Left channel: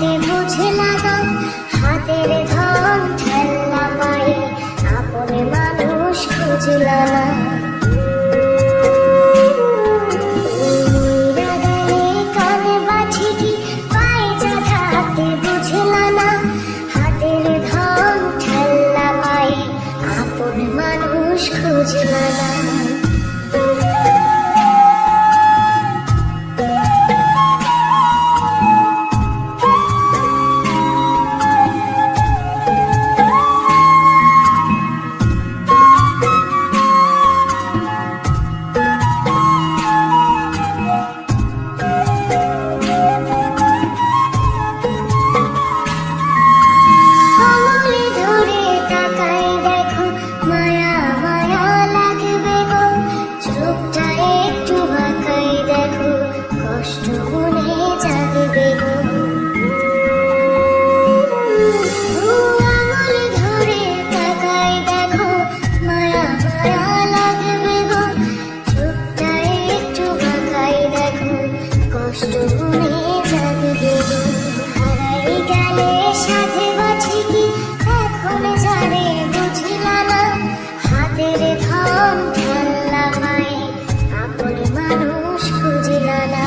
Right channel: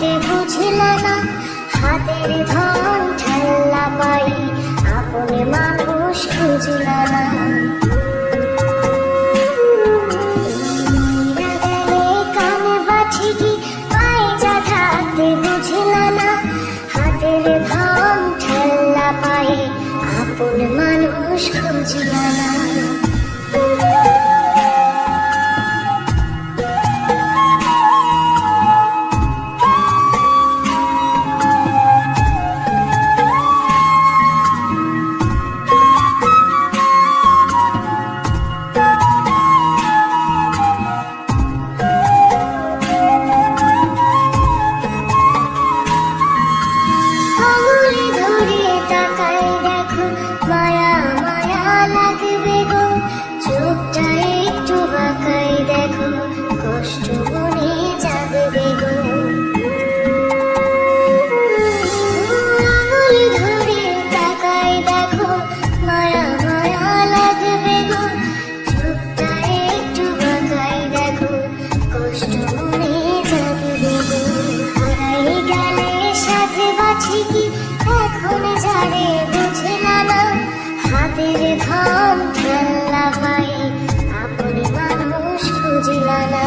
চাঁদাতে বুঝলা না, হাতের ধন ঠেল্লা পায়ে আপনে মানুষ খুঁজলা না। কানে বাছি কি পায়ে চাঁদাতে বুঝলা না, হাতের ধন ঠেল্লা পায়ে আপন মানুষ খুঁজলা না। সাথে বাছি কি এখন জানে বুঝলা না, হাতের ধন ঠেল্লা পায়ে আপনি মানুষ খুঁজলা না।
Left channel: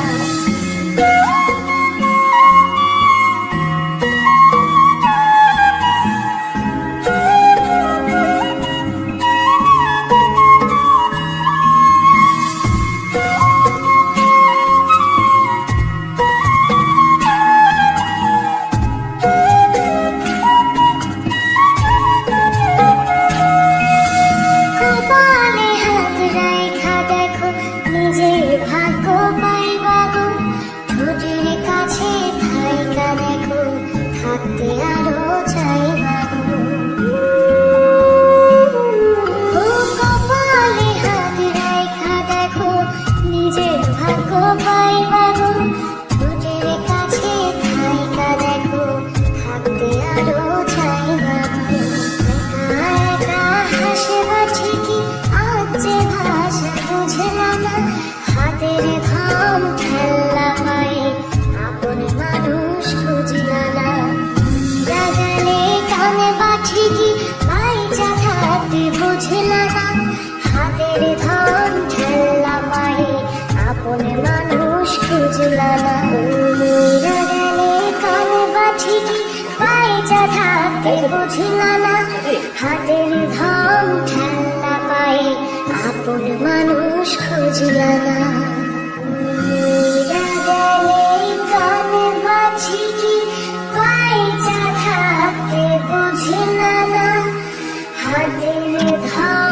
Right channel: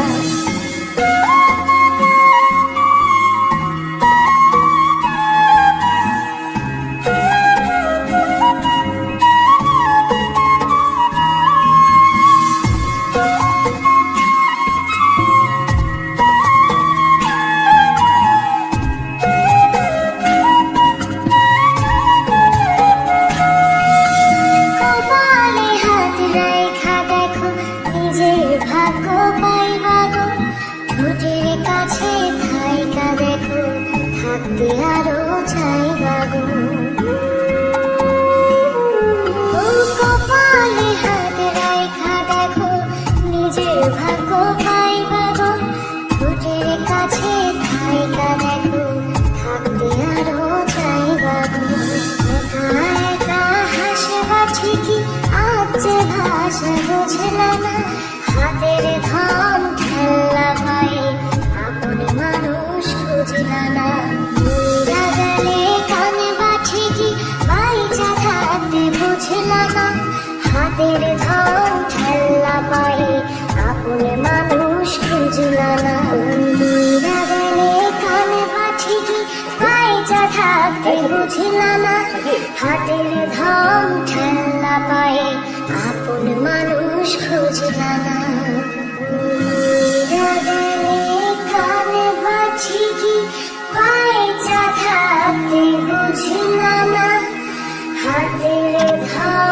ভাগ্য পাইবা গো, ঠোঁটের কাছে থাইকা দেখো, থাকতে আরো চাইবা গো। ও কপালে হাত রাইখা দেখো, নিজের ভাগ্য পাইবা গো, ঠোঁটের কাছে থাইকা দেখো, থাকতে আরো চাইবা গো। একা একা হাসবা ঠিকই, আজ যে ভাষা বোঝলা না, হাতের ধন ঠেল্লা পায়ে আপন মানুষ খুঁজলা না। মইরা গেলে কানে বাছি কি বাইচা থাকতে বুঝলা না, হাতের ধন ঠেল্লা পায়ে আপন মানুষ খুঁজলা না। মইরা গেলে কানে বাছি কি বাইচা থাকতে বুঝলা না, হাতের ধন ঠেল্লা পায়ে আপন মানুষ খুঁজলা না। কানে বাছি কি বাইচা থাকতে বুঝলা না, হাতের ধন